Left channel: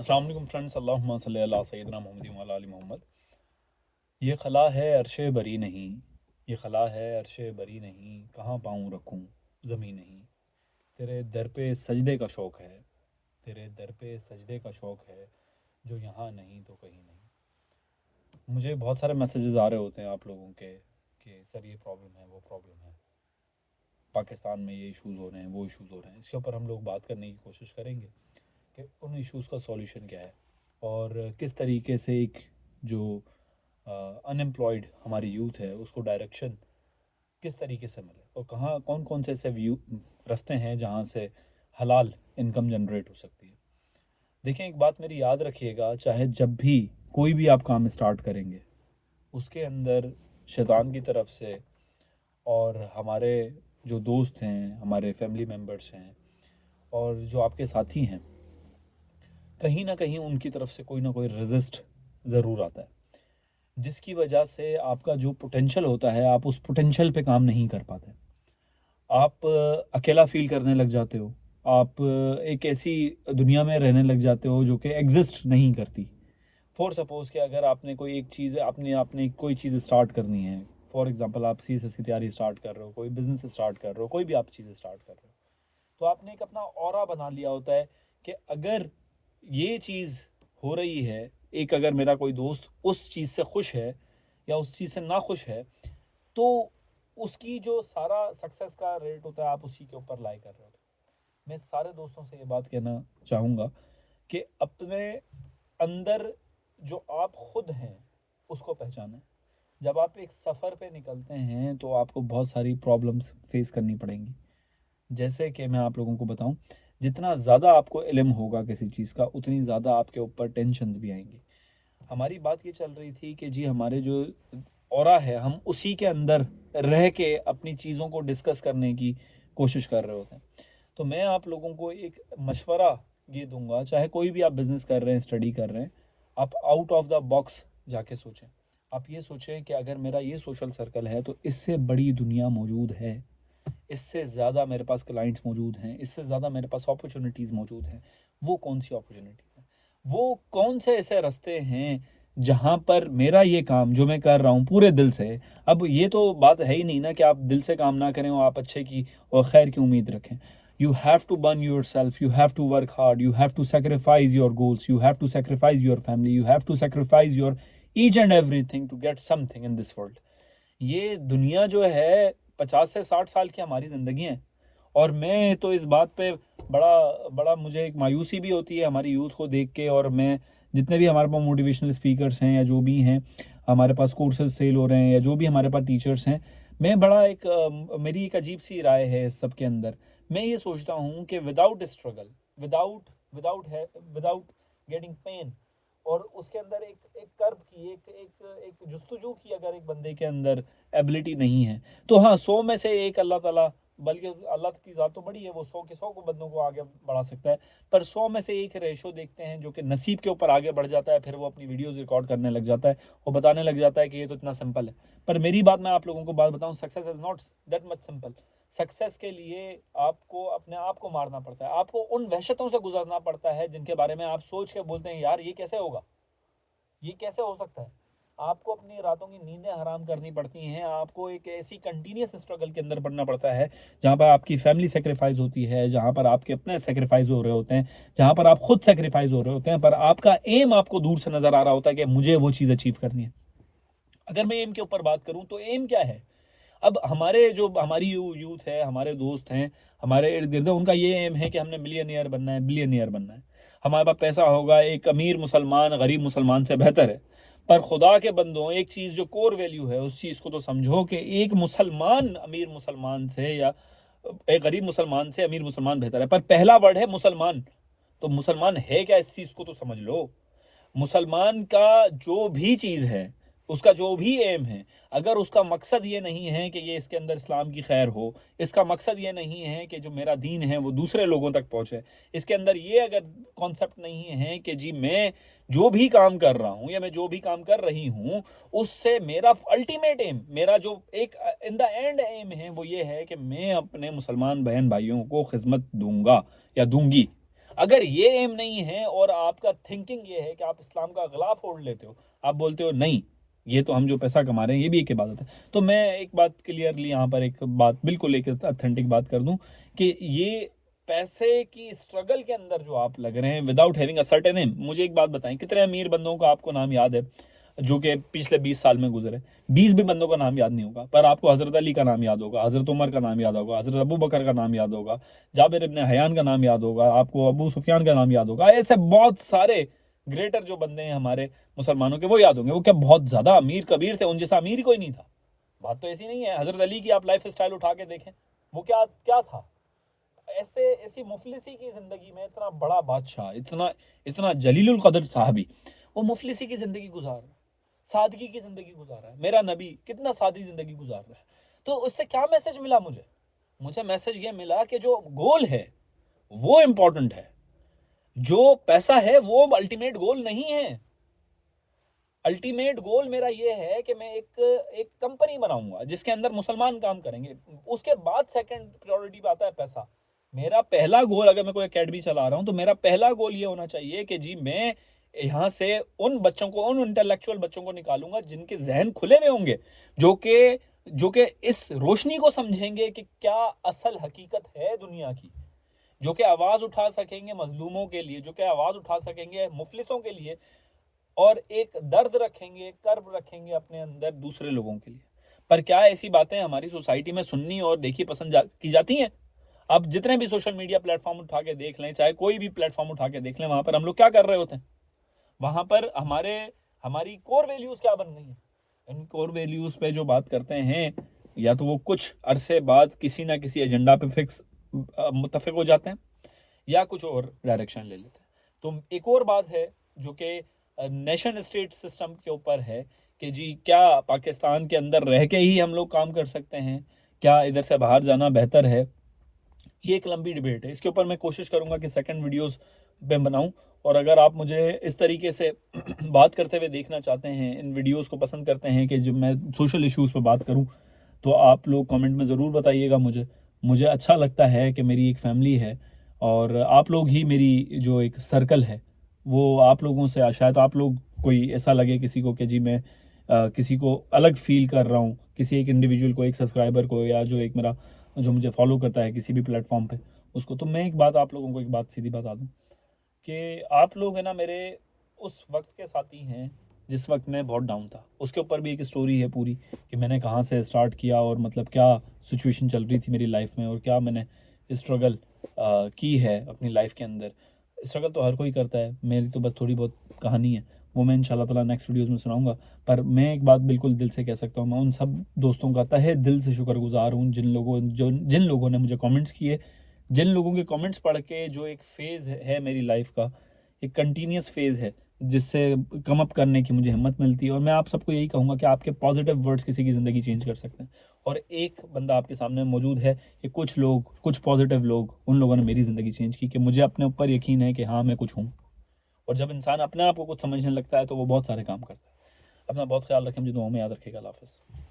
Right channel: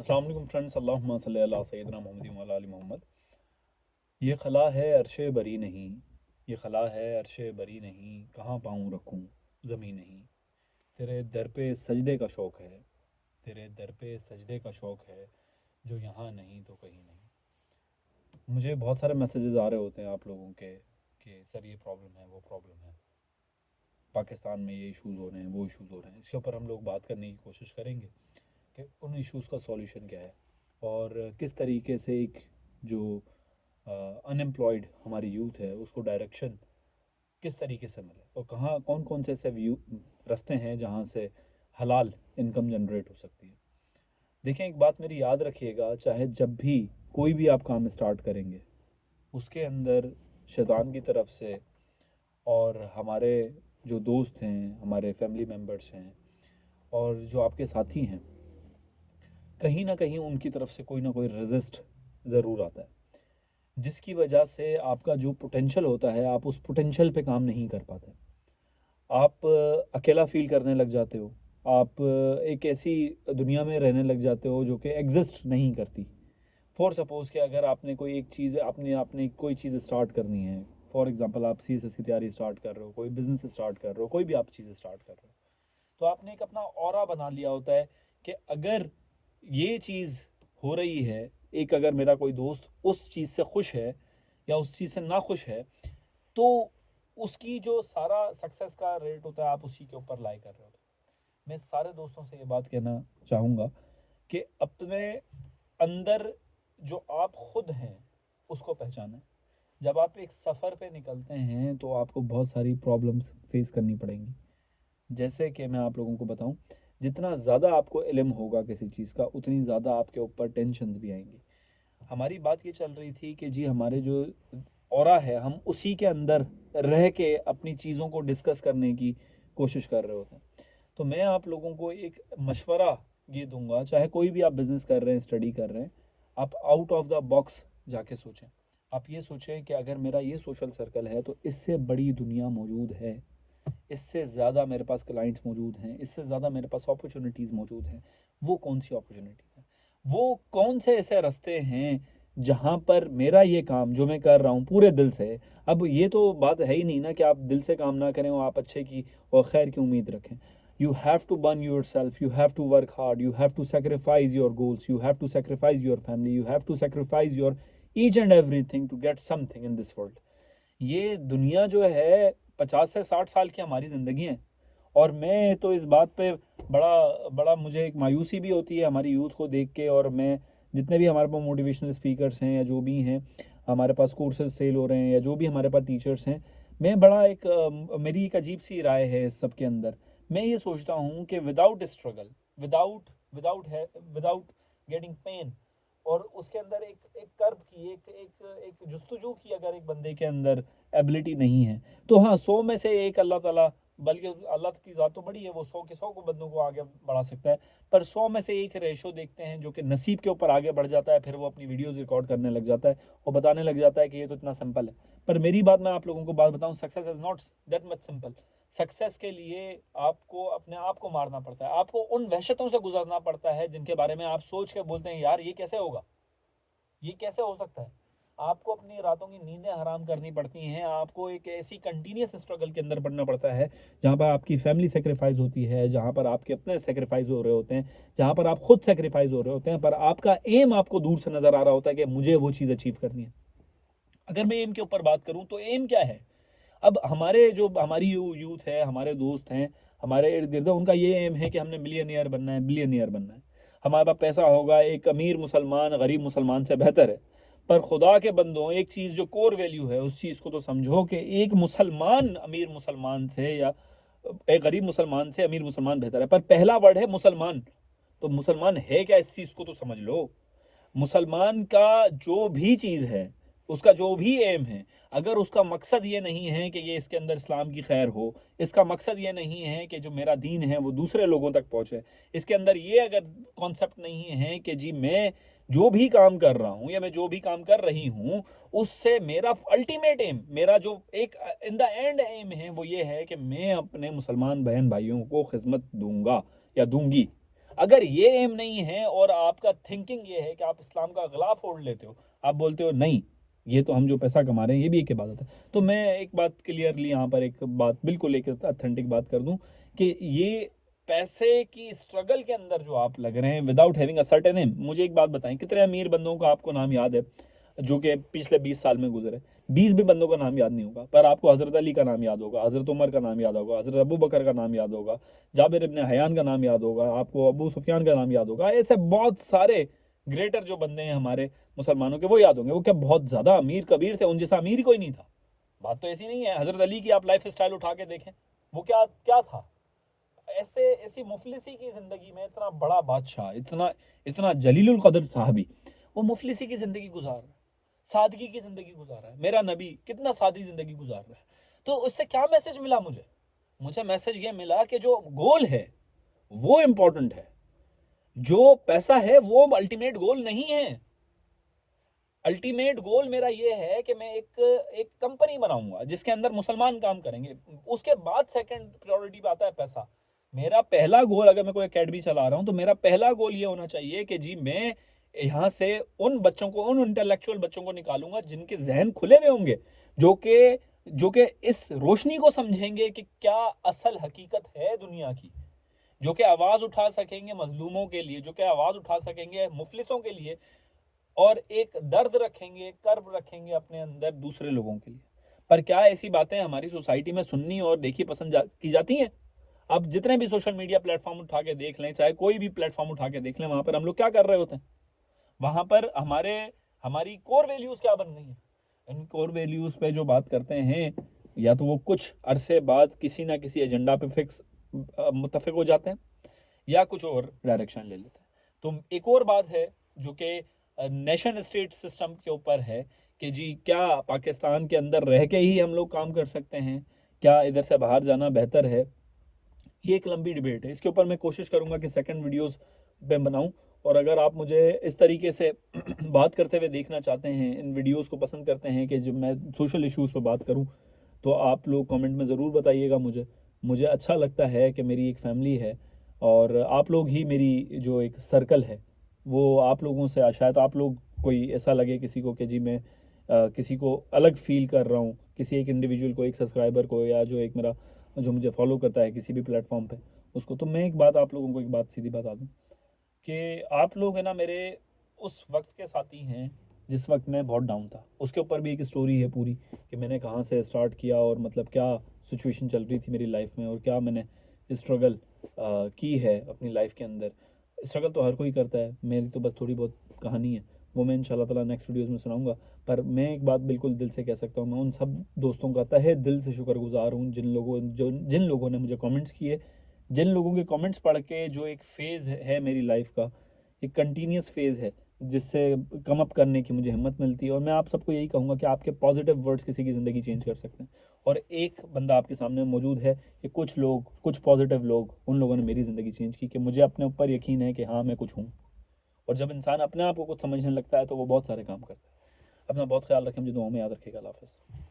अस्सलाम वालेकुम फ्रेंड्स, अल्लाहुम्मा सल्ली अला सय्यिदिना मुहम्मदिन व अला आलि मोहम्मद। ये खला है अर्शे बरी नहीं, ये खला है अर्शे बरी नहीं, कहाँ पाँव रखूं ज़मीं नहीं। तेरे दर पे सजदे का शौक़ है, तेरे दर पे सजदे का शौक़ है, जो यहाँ नहीं तो कहीं नहीं। मुझे बहुत सारे मैसेजेस आ रहे होते हैं आप लोगों के कि सर ये प्रॉब्लम है, वो प्रॉब्लम है, पाकिस्तान में ये इश्यूज़ हो रहे हैं, वो इश्यूज़ हो रहे हैं। इसके ऊपर हम लोग बात करने की कोशिश करेंगे कि उन इश्यूज़ का सॉल्यूशन क्या है और किस तरीके से एक जो अनएम्प्लॉयड हमारी यूथ है उसको डायरेक्शन किस तरीके से मिले और कहाँ कौन कौन से ऐसे व्यू रास्ते हैं जहाँ से हलाल इनकम जनरेट हो सकती है। देखें, एक बात मेरी याद रखिएगा, चाहे जब भी कोई भी आप काम स्टार्ट करेंगे उसके अंदर शैतान की तरफ से और हमारे जो दोस्त हैं, हमारे फैमिली मेम्बर्स हैं और जो आपके साथी हैं, कहीं ना कहीं उनकी तरफ से कोई ना कोई रेजिस्ट ज़रूर आता है, जिसकी वजह से आपका जो पोटेंशियल होता है आप उस पोटेंशियल पे काम नहीं कर पाते। आप अकेला फील करने लग जाते हो, आप एक ऐसी दुनिया में रहने लग जाते हो जो कि एग्जिस्ट नहीं करती। फॉर सपोज़ कि अगर आपने कोई एक चीज़ आपने आपने कोई चीज़ स्टार्ट करनी है, फॉर एग्जांपल आप सीएसएस की तैयारी स्टार्ट कर रहे हो, कोई बिजनेस स्टार्ट कर रहे हो, कोई भी आप चीज़ स्टार्ट कर रहे हो, तो आपने एक अपना ऑरा बना लिया होता है कि अगर ये चीज़ हो रही है, एक अगर मेरा कोई दोस्त उस चीज़ से खुश है या उस चीज़ से ना खुश है, तो उसकी जो सारा सक्सेस का रेट होता है आप उसी के ऊपर लाई कर रहे हो। मैं सारे दोस्तों से ये बात कहना चाहूँगा कि अपने अंदर जो आप खुद हैं उसको पहचानें। जब आप एक सफ़र पे निकलते हैं तो आपको बहुत सारी प्रॉब्लम्स फेस करनी पड़ेंगी। जैसे कि मैं आप लोगों को बताऊं, जितना ज़्यादा आपको इल्म होगा किसी चीज़ का उतनी ज़्यादा आपके ऊपर टेंशन्स भी आएंगी। हमारी बात ये चल रही थी कि जी हमारे जो ऑरा है हम उसी के अंदर रह के अपनी चीज़ों को डिस्कस करने की कोशिश कर रहे होते हैं। तो मैं आप लोगों को एक मशवरा ये दूंगा, चाहे कोई भी आप बिज़नेस कर रहे हैं, स्टडी कर रहे हैं, आप आउट ऑफ द बॉक्स जाके सोचें। आप ये सोचें कि अगर मेरा ये सोशल सर्कल है तो इससे बड़ी दुनिया मौजूद है, इससे ज़्यादा मेरे पास क्लाइंट्स मौजूद हैं, इससे ज़्यादा मेरे पास अपॉर्चुनिटीज़ मौजूद हैं। वो कौन सी अपॉर्चुनिटीज़ हैं, वो कौन से ऐसे रास्ते हैं जहाँ पर मेरा ये काम जो मैं कर रहा हूँ पूरे दिल से। अब ये तो बात है ही नहीं ना कि आप दिल से काम ना करें और आप अच्छे की और खैर की उम्मीद रखें। You have to burn yourself, you have to work hard, you have to sacrifice your goals, you have to sacrifice your family, you have to sacrifice your each and everything to get something in this world. ये दुनिया जो है 50 से 60 साल की हमारी ज़िंदगी है और मैं तो इस बात पे बड़ा बड़ा मुझे एक मायूसी भी होती है हमारी यूथ को देख के। और मैं जितने भी हमारे पास मोटिवेशनल स्पीकर्स हैं या जो भी हैं, हमारे पास कोर्सेज सेल हो रहे हैं या जो भी हमारे पास टीचर्स हैं, मैं बड़ा एक मेरी एक अजीब सी राय है इस सब के अंदर। मैं ये सोचता हूँ कि विदाउट स्ट्रगल, विदाउट विदाउट है विदाउट गेटिंग पेन और उसके अंदर एक एक कर्ब की एक एक एक जुस्तजू की अगर एक बंदे के अंदर एबिलिटी नहीं है, तो हाँ 100 में से 1 अल्लाह ताला, बल्कि अल्लाह की ज़ात तो बड़ी है, वो 100 के 100 को बंदों को आगे बढ़ा सकता है। पर 100 में से 1 रेशो देखते हैं जो कि नसीब के ऊपर आगे बढ़ जाता है, फिर वो अपनी वीडियोस रिकॉर्ड करने लग जाता है, वो बताने लग जाता है कि ये तो इतना सिंपल है। पर मेरी बात मैं आप लोगों को बात बताऊं, success is not that much simple. Success के लिए आपको अपने आप को मारना पड़ता है, आपको उन वहशतों से गुजरना पड़ता है जिनके बारे में आप सोच के बोलते हैं यार ये कैसे होगा, ये कैसे हो सकता है। आपको अपनी रातों की नींदें हराम करनी पड़ती हैं, आपको एक ऐसी कंटिन्यूस स्ट्रगल के अंदर पड़ना पड़ता है जहाँ पर आपकी फैमिली सेक्रीफाइस होती है, जहाँ पर आपके अपने सेक्रीफाइस हो रहे होते हैं, जहाँ पर आप खुद सेक्रीफाइस हो रहे होते हैं, पर आपका एम आपको दूर से नज़र आ रहा होता है कि मुझे वो चीज़ अचीव करनी है। अगर मैं एम के ऊपर बात करूँ तो एम क्या है। अब हमारे जो हमारी यूथ है, हमारे दोस्त हैं, हमारे इर्द गिर्द, उनका ये एम है कि हमने मिलियनियर बनना है, बिलियनियर बनना है, हमारे पास पैसा होगा, एक अमीर मुसलमान गरीब मुसलमान से बेहतर है। पर खुदा के बंदों, एक चीज़ जो कोर वैल्यू है उस चीज़ को तो समझो कि एक मुसलमान अमीर मुसलमान से या एक गरीब मुसलमान से अमीर मुसलमान बेहतर है। पर पहला वर्ड है मुसलमान, तो मुसलमान है क्या इस चीज़ को तो समझ लो। मुसलमान का जो भी चीज़ है, उसका जो भी एम है, अगर उसका मकसद ये नहीं है कि ये इसके अंदर इस्लाम की खैर हो, इसका मकसद ये नहीं है कि जो मेरा दीन है वो दूसरे लोगों तक पहुँचे, इसके अंदर ये अगर कॉन्सेप्ट नहीं है कि जी मैं जो भी काम कर रहा हूँ या मैं जो भी काम कर रही हूँ उससे मेरा अल्टीमेट एम, मेरा जो एक इन द एंड एम है वो ये है कि मैं अपने मुसलमान बहन भाइयों को खिदमत दूंगा या दूंगी। अगर ये एम नहीं है और आपका थिंकिंग ये है कि आप इस्लाम का ग़िलाफ़ ओढ़ लेते हो, आप बोलते हो नहीं ये तो हम जो पैसा कमा रहे हैं ये भी एक इबादत है, तो मैं एक बात क्लियरली यहाँ पर एक बात बिल्कुल एक ऑथेंटिक बात कर दूं कि ये पैसे की स्ट्रगल के अंदर जो आप लग रहे हैं without having a certain aim. मुझे एक बात बताएं, कितने अमीर बंदों का आपको नाम याद है जो कि पिछले 20 साल में गुजरे? 20 भी बंदों का नाम याद नहीं होगा, पर आपको हज़रत अली का नाम याद होगा, हज़रत उमर का नाम याद होगा, हज़रत अबू बकर का नाम याद होगा, जाबिर इब्न हयान का नाम याद होगा, आपको अबू सुफियान का नाम याद होगा। ऐसे बहुत सारे ग्रेटर जो बंदे हैं हमारे मुसलमानों के वो याद होंगे। वो क्या बहुत ज़्यादा अमीर कबीर थे? उन जैसा अमीर ही कोई नहीं था। बात तो ऐसी नहीं है। हज़रत अली की आप लाइफ स्टाइल उठा के देखें, वो क्या क्या था। ऐसे ऐसी मुफलिसी की ज़िंदगी में इतना बड़ा बादशाह, इतना इतना जलीलुल कदर साहबी, वो मुफलिसी की ज़िंदगी गुजार रहा है, सादगी की ज़िंदगी गुजार रहा है। मेरा नबी कितना सादी ज़िंदगी गुजार रहा है। तो उससे क्या मैसेज मिला मुझे? मुझे मैसेज ये मिला कि जो गोल है वो इम्पोर्टेंट है, जो पैसा है वो अल्टीमेट गोल नहीं है। अल्टीमेट गोल मेरा ये है कि मैं एक कंपनी बनाऊंगा जिसके अंदर मुसलमान काम करेंगे। उसके बाद सेकंड प्रायोरिटी पे आता है पैसा। मेरा पहला गोल, अगर मैं कोई एकेडमी चला रहा हूं तो मेरा पहला गोल ये होना चाहिए कि जी मैं यहाँ से उन बच्चों को, उन इंटेलेक्चुअल बच्चों को निकालूंगा जिनके जहन खुले हुए होंगे, जो कि इस रोशनी को समझेंगे कि क्या असल हकीकत है दुनिया की, जो कि आवाज़ उठा सकेंगे मजलूमों के लिए, जो कि आवाज़ उठा सकेंगे मुफलिसों के लिए, और एक दर्द रखेंगे, कर्ब रखेंगे अपने अंदर दूसरे लोगों के लिए। पर क्या ऐसी बातें हमारी सोसाइटी में सुननी और देखी पसंद की जाती हैं? आप जितने भी सोशल मीडिया प्लेटफॉर्म उठा के देख लें, चाहे कोई भी प्लेटफॉर्म उठा के देख लें, वहां पर हम लोग क्या कर रहे होते हैं? वहां पर हमारी कोर वैल्यूज क्या बन रही है? इन कोर वैल्यूज पे जो बात करते हैं, या तो वो कुछ अरसे बाद किसी ना किसी एजेंडा पे फिक्स मुत्तफिक हो जाते हैं, या कुछ और डायरेक्शन ले लेते हैं। तो एक और बात है जो कि नेशन स्टेट सिस्टम के ऊपर है कि जी क्या पाकिस्तान के अंदर रह के ही हम लोग काम कर सकते हैं, क्या इधर से बाहर जाना बेहतर है? ये एक लंबी डिबेट है। इसके ऊपर मैं कोशिश करूंगा कि सेकंड वीडियोस में बनाऊं। और अगर आप मुझे इस तरीके से बात करते हुए देखना चाहते हैं, इन वीडियोस को पसंद करते हैं कि जब मैं सोशल इश्यूज़ पर बात करूं, तो आप लोग कमेंट में ज़रूर बताइएगा। मुझे मुझे अच्छा लगता है कि मेरी एक फैमिली है और आप लोग ही मेरी जो एक सर्कल है, वो आप लोगों से शायद आप लोग कोई ऐसा लगे किसी को कि जी मैं किसी को अलग फील कर रहा हूँ, किसी एक इंडिविजुअल को, एक सब्सक्राइबर को, या जो एक मेरा जो मुझे फॉलो करता है किसी भी प्लेटफॉर्म पे उसको। तो मैं एक बात आप लोगों को एक बात सीधी बता दूं कि आप लोग है ना मेरे उस वक्त के साथी हैं जिस वक्त मैं बहुत डाउन था। उसके ऊपर भी एक स्टोरी है पूरी कि मैंने कहाँ से स्टार्ट किया और मतलब क्या सिचुएशन चल रही थी मेरी लाइफ में और क्या मैंने स्ट्रगल की है अपनी लाइफ के अंदर। स्ट्रगल तो हर कोई करता है, मेरी तो बस थोड़ी बहुत कहानी है, वो मैं इंशाल्लाह ताला नेक्स्ट वीडियोस में सुनाऊंगा। पर मैं एक बात बिल्कुल दिल से कह सकता हूँ, मैं उन सब दोस्तों का तहे दिल से शुक्रगुजार हूँ जिन लोगों ने मुझे कमेंट्स किए, जिन लोगों के कमेंट्स पढ़ के जो एक फ़ेज़ है मेरी लाइफ का, एक कंटिन्यूस फ़ेज़ है जिससे कम अप करने की मुझे हिम्मत मिलती है। और मैं आप सबको यही कहूँगा कि आपके पॉजिटिव वर्ड्स किसी की ज़िंदगी चेंज कर सकते हैं। और एक बंदा आपके सामने मौजूद है कि कुछ लोग, कुछ पॉजिटिव लोग, उन लोगों ने मेरी ज़िंदगी चेंज की कि मुझे अपने ऊपर यकीन है कि हाँ मैं कुछ हूँ। और जब इंसान अपने आप को कुछ समझने लगता है तो वो बहुत सारे काम करता है। अपना बहुत ख्याल रखें, मुझे दुआओं में याद रखिएगा। अल्लाह हाफ़िज़।